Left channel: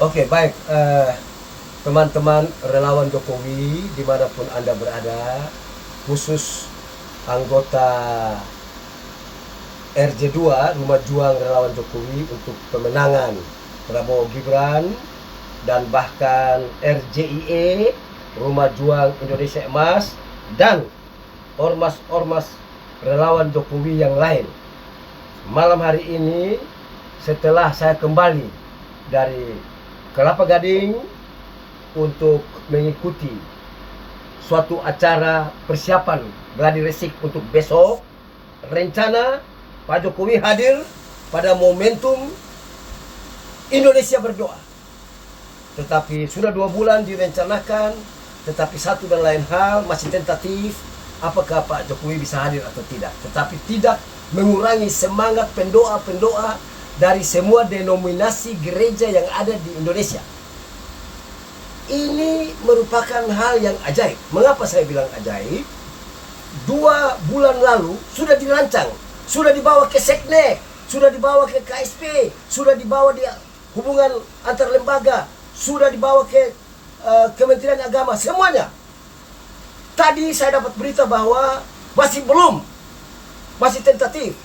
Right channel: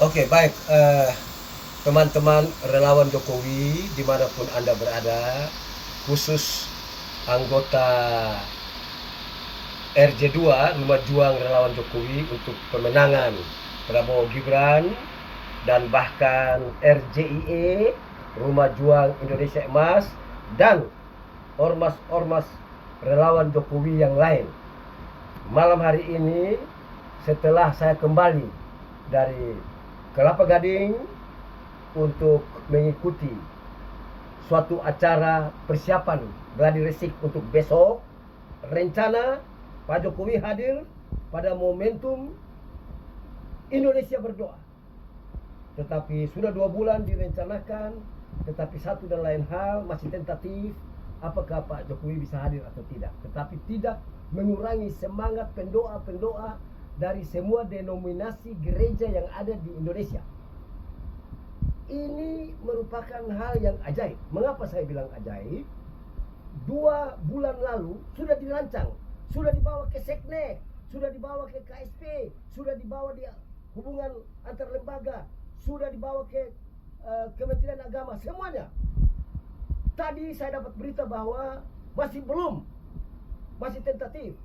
Oke, baik. Teman-teman relawan Jokowi dimanapun Anda berada, khusus anggota RJ2 Rumah Juang Relawan Jokowi untuk pemenangan Prabowo Gibran, dan bahkan RJIE Rumah Juang Indonesia Emas, dan ormas-ormas relawan Jokowi yang lain. Malam hari ini, setelah saya kembali dari Kelapa Gading untuk mengikuti suatu acara persiapan gladi resik untuk besok, rencana Pak Jokowi hadir pada momentum Indonesia berdoa. Tetapi sudah 2 bulan direncanakan, tetapi satu dan lain hal masih tentatif, apakah Pak Jokowi bisa hadir atau tidak. Tetapi tidak mengurangi semangat pendoa-pendoa dari semua denominasi gereja yang ada di Indonesia. Ini merupakan hal yang ajaib. Mengapa saya bilang ajaib? 2 bulan lalu sudah dirancang, sudah dibawa ke Seknek, sudah dibawa ke KSP, sudah dibawa di hubungan antar lembaga, sudah dibawa ke Kementerian Agama, semuanya. Tadi saya dapat berita bahwa masih belum, masih tentatif.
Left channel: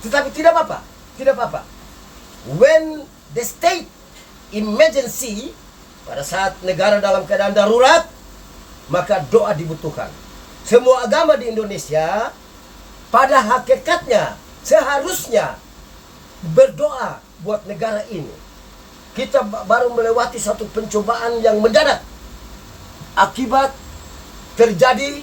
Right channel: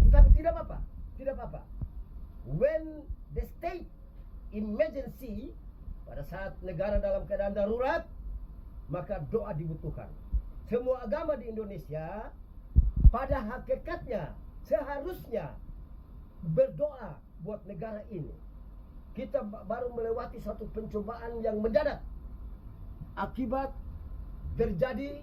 Tetapi tidak apa-apa, tidak apa-apa. When the state emergency, pada saat negara dalam keadaan darurat, maka doa dibutuhkan. Semua agama di Indonesia pada hakikatnya seharusnya berdoa buat negara ini. Kita baru melewati satu pencobaan yang mendadak akibat terjadi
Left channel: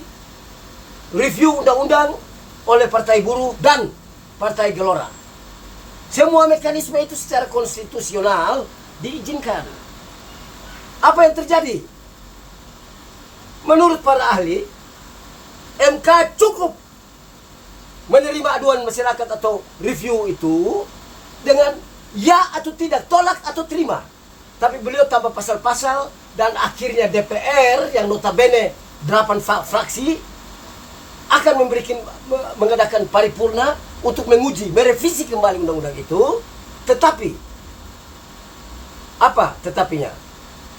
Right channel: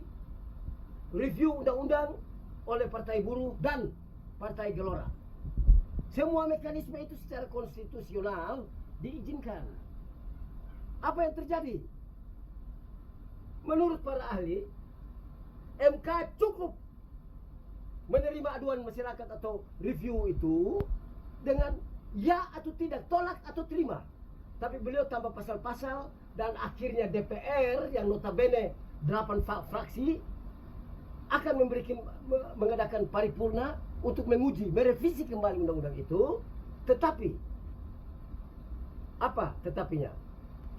review undang-undang oleh Partai Buruh dan Partai Gelora. Semua mekanisme itu secara konstitusional diizinkan. Apa yang terjadi? Menurut para ahli, MK cukup menerima aduan masyarakat atau review itu dengan ya atau tidak, tolak atau terima. Tapi beliau tambah pasal-pasal, dan akhirnya DPR yang notabene 8 fraksi akan mengadakan paripurna untuk menguji, merevisi kembali undang-undang itu. Tetapi apa tetapinya?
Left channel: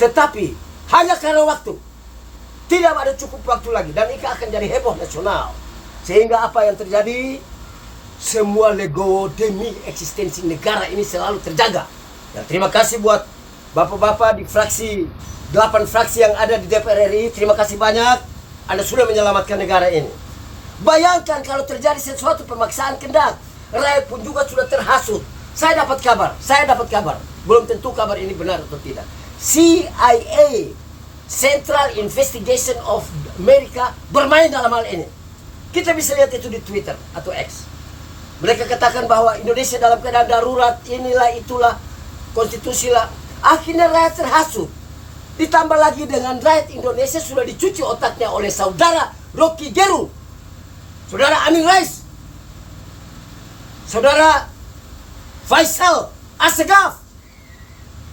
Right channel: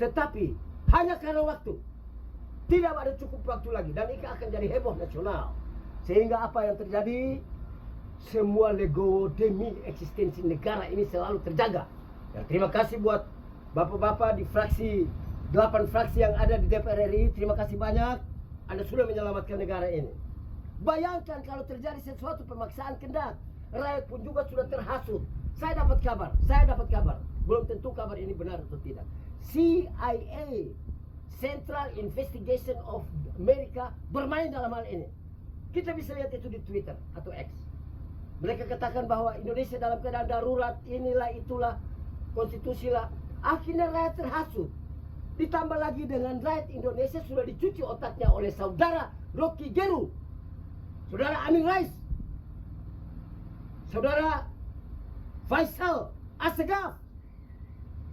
Tetapi hanya karena waktu. Tidak ada cukup waktu lagi, dan ini akan jadi heboh nasional. Sehingga apa yang terjadi? Semua legowo demi eksistensi negara ini selalu terjaga. Dan terima kasih buat bapak-bapak di fraksi 8 fraksi yang ada di DPR RI. Terima kasih banyak. Anda sudah menyelamatkan negara ini. Bayangkan kalau terjadi sesuatu pemaksaan kehendak, rakyat pun juga sudah terhasut. Saya dapat kabar. Belum tentu kabar ini benar atau tidak. CIA, Central Investigation of America, bermain dalam hal ini. Kita bisa lihat itu di Twitter atau X. Mereka katakan bahwa Indonesia dalam keadaan darurat, inilah itulah, konstitusi lah. Akhirnya rakyat terhasut. Ditambah lagi dengan rakyat Indonesia sudah dicuci otaknya oleh saudara Rocky Gerung, saudara Amin Rais, saudara Faisal Assegaf,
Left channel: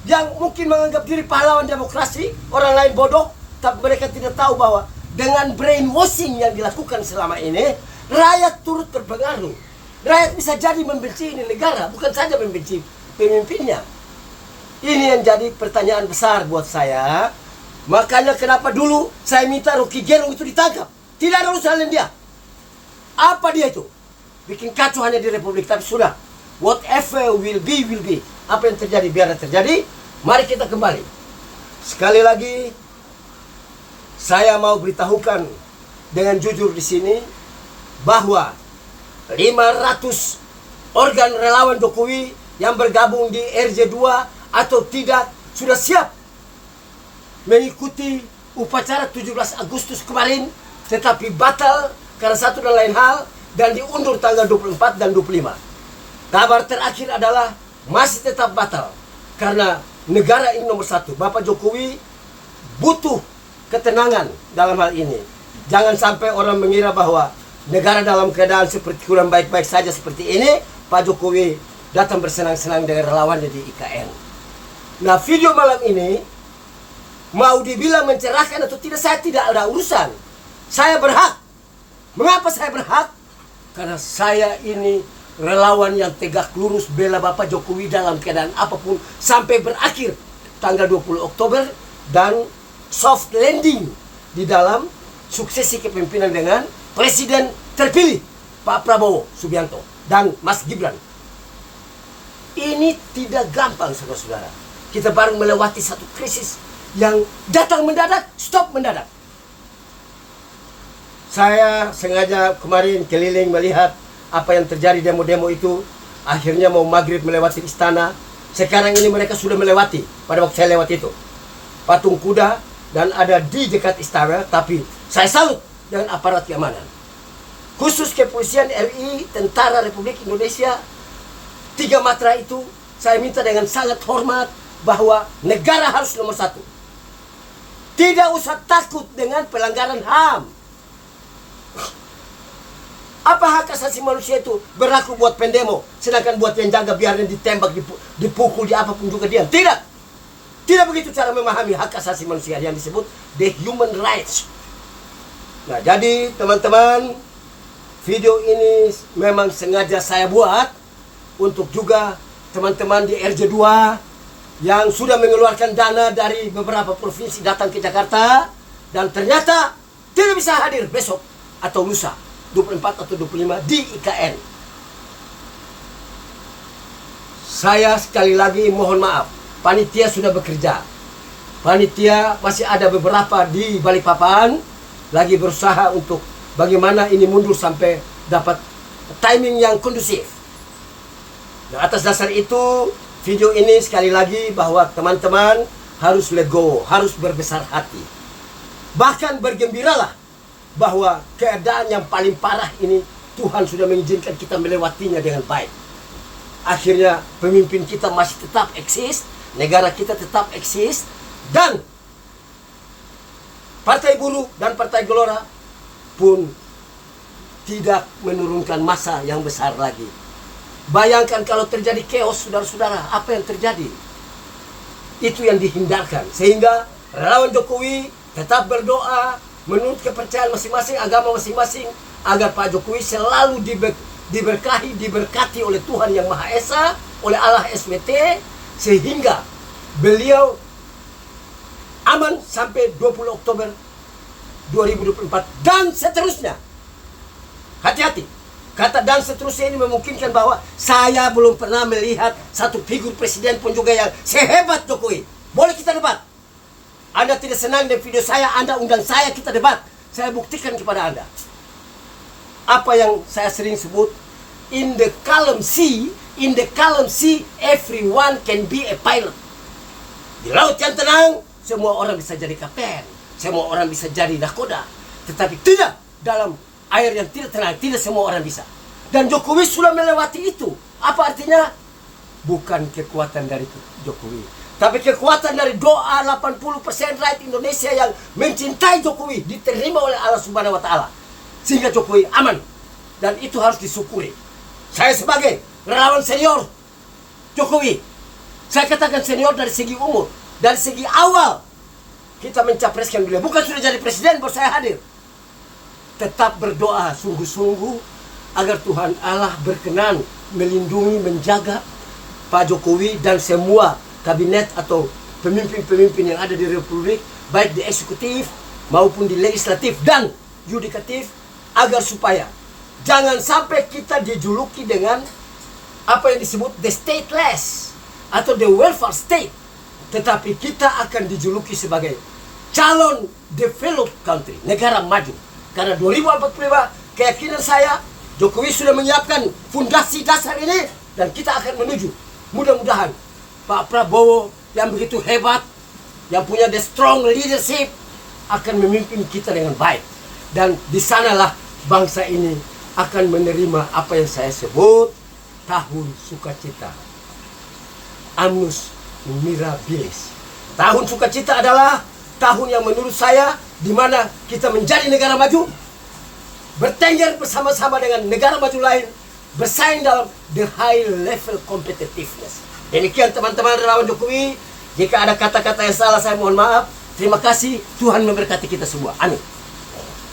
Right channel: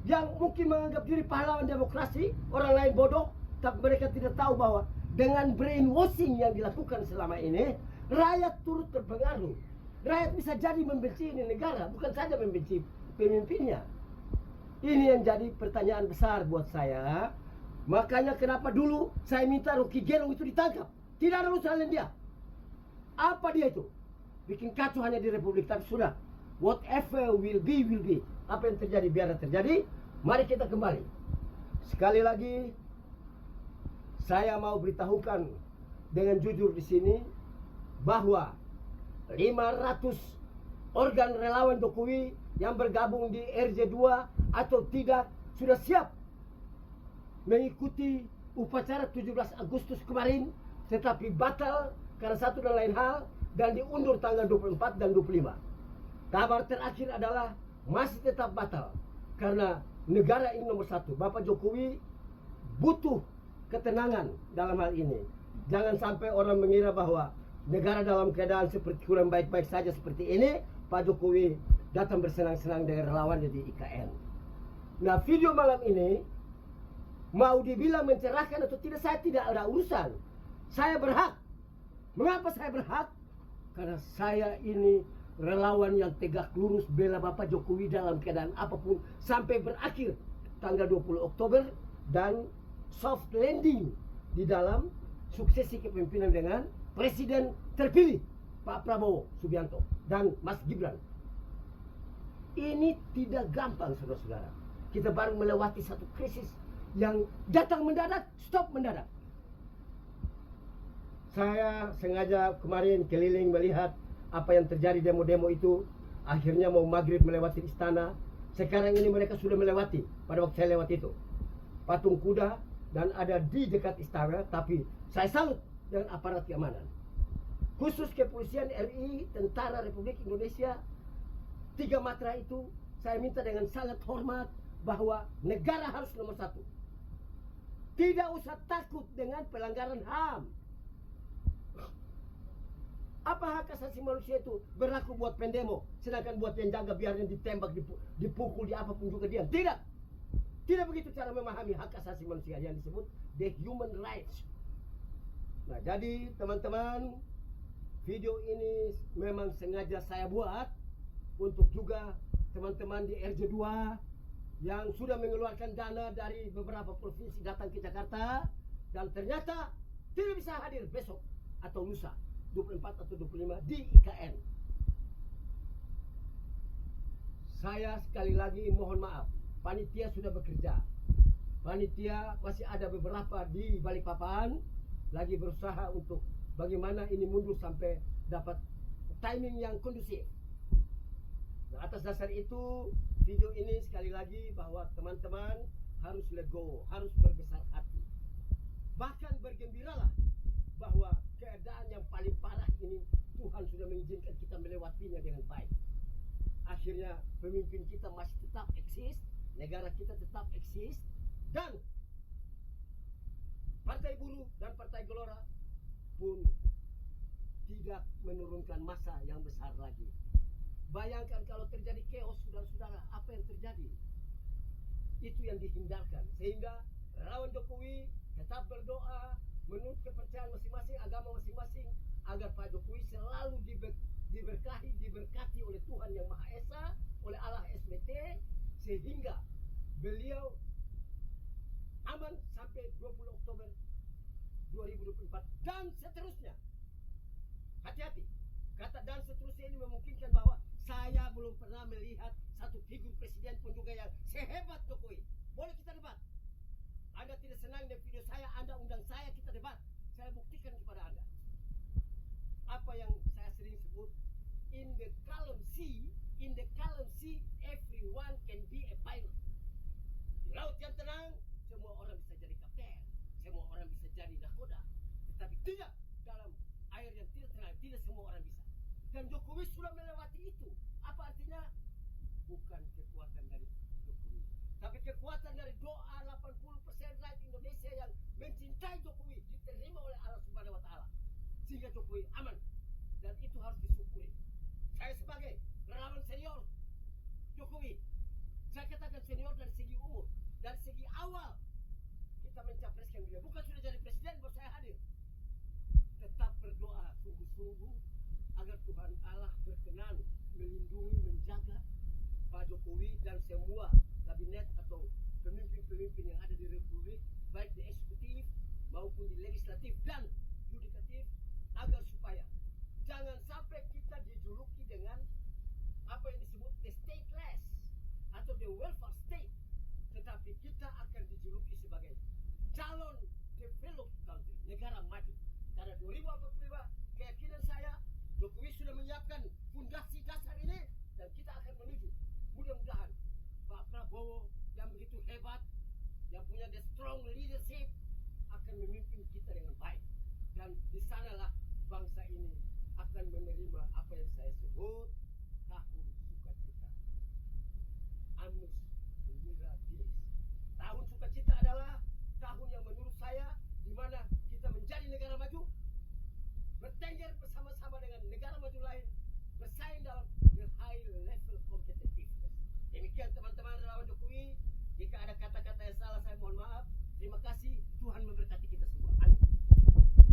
yang mungkin menganggap diri pahlawan demokrasi, orang lain bodoh. Tapi mereka tidak tahu bahwa dengan brainwashing yang dilakukan selama ini, rakyat turut terpengaruh. Rakyat bisa jadi membenci ini negara, bukan saja membenci pemimpinnya. Ini yang jadi pertanyaan besar buat saya. Makanya kenapa dulu saya minta Rocky Gerung itu ditangkap. Tidak ada urusan dengan dia. Apa dia itu? Bikin kacau hanya di Republik. Tapi sudah, whatever will be, will be. Apa yang terjadi, biar terjadi. Mari kita kembali. Sekali lagi, saya mau beritahukan dengan jujur di sini bahwa 500 organ relawan Jokowi yang bergabung di RJ2 atau tidak sudah siap mengikuti upacara 17 Agustus kemarin, tetapi batal karena satu dan lain hal, dan diundur tanggal 24 dan 25. Kabar terakhir adalah masih tetap batal karena negara ini nomor 1. Bapak Jokowi butuh ketenangan dalam hal ini. Jangan sampai orang mengira bahwa negara dalam keadaan seperti kurang baik-baik saja seperti ini, Pak Jokowi datang bersenang-senang dengan relawannya di IKN. Nah, video malam ini mau dibilang mencerahkan atau tidak, saya tidak ada urusan. Saya berhak. Mengapa saya berhak? Karena saya ini relawan yang tegak lurus bela Bapak Jokowi dalam keadaan apapun sampai berakhir tanggal 20 Oktober dan soft landing di dalam suksesi kepemimpinan dengan Presiden terpilih Pak Prabowo Subianto dan Mas Gibran. Ini tidak gampang, saudara-saudara. Kita baru melewati satu krisis yang datang mendadak, stop mendadak. Saya sengaja kemarin keliling melihat apa yang terjadi demo-demo itu. Akhirnya mau maghrib melewati istana. Sekarang ini mereka sudah melewati, pada waktu saya lewat itu, patung kuda dan ada di dekat istana. Tapi saya salut dengan aparat keamanan, khusus kepolisian RI, Tentara Republik Indonesia, 3 matra itu. Saya minta dengan sangat hormat bahwa negara harus nomor 1. Tidak usah takut dengan pelanggaran HAM. Apa hak asasi manusia itu berlaku buat pendemo, sedangkan buat yang jaga biarnya ditembak, dipukul, di apapun juga dia? Tidak. Tidak begitu cara memahami hak asasi manusia yang disebut the human rights. Nah, jadi teman-teman, video ini memang sengaja saya buat untuk juga teman-teman di RJ2 yang sudah mengeluarkan dana dari beberapa provinsi datang ke Jakarta dan ternyata tidak bisa hadir besok atau lusa 24 atau 25 di IKN. Saya sekali lagi mohon maaf, panitia sudah bekerja. Panitia masih ada beberapa di Balikpapan lagi berusaha untuk bagaimana ini mundur sampai dapat timing yang kondusif. Nah, atas dasar itu, video ini sekali lagi bahwa teman-teman harus legowo, harus berbesar hati. Bahkan bergembiralah bahwa keadaan yang paling parah ini Tuhan sudah mengizinkan kita melewatinya dengan baik. Akhirnya pemimpin kita masih tetap eksis, negara kita tetap eksis, dan Partai Buruh dan Partai Gelora pun tidak menurunkan massa yang besar lagi. Bayangkan kalau terjadi chaos, saudara-saudara, apa yang terjadi? Itu yang dihindarkan. Sehingga relawan Jokowi tetap berdoa menurut kepercayaan masing-masing, agama masing-masing, agar Pak Jokowi selalu diberkahi, diberkati oleh Tuhan Yang Maha Esa, oleh Allah SWT, sehingga beliau aman sampai 20 Oktober 2024 dan seterusnya. Hati-hati. Kata dan seterusnya ini memungkinkan bahwa saya belum pernah melihat satu figur presiden pun juga yang sehebat Jokowi. Boleh kita debat. Anda tidak senang dengan video saya, Anda undang saya, kita debat. Saya buktikan kepada Anda. Apa yang saya sering sebut, in the calm sea, everyone can be a pilot. Di laut yang tenang, semua orang bisa jadi kapten, semua orang bisa jadi nakoda. Tetapi tidak dalam air yang tidak tenang, tidak semua orang bisa. Dan Jokowi sudah melewati itu. Apa artinya? Bukan kekuatan dari Jokowi, tapi kekuatan dari doa 80% rakyat Indonesia yang mencintai Jokowi, diterima oleh Allah Subhanahu wa Ta'ala, sehingga Jokowi aman. Dan itu harus disyukuri. Saya sebagai relawan senior Jokowi, saya katakan senior dari segi umur, dari segi awal kita mencapreskan beliau, bukan sudah jadi presiden baru saya hadir. Tetap berdoa sungguh-sungguh agar Tuhan Allah berkenan melindungi, menjaga Pak Jokowi dan semua kabinet atau pemimpin-pemimpin yang ada di Republik, baik di eksekutif maupun di legislatif dan yudikatif, agar supaya jangan sampai kita dijuluki dengan apa yang disebut the stateless atau the welfare state, tetapi kita akan dijuluki sebagai calon developed country, negara maju. Karena 2045 keyakinan saya, Jokowi sudah menyiapkan fondasi dasar ini dan kita akan menuju. Mudah-mudahan Pak Prabowo yang begitu hebat, yang punya the strong leadership, akan memimpin kita dengan baik. Dan di sanalah bangsa ini akan menerima apa yang saya sebut tahun sukacita. Annus Mirabilis. Tahun sukacita adalah tahun yang menurut saya di mana kita menjadi negara maju, bertengger bersama-sama dengan negara maju lain, bersaing dalam the high level competitiveness. Demikian teman-teman relawan Jokowi. Jika ada kata-kata yang salah saya mohon maaf. Terima kasih. Tuhan memberkati kita semua. Amin.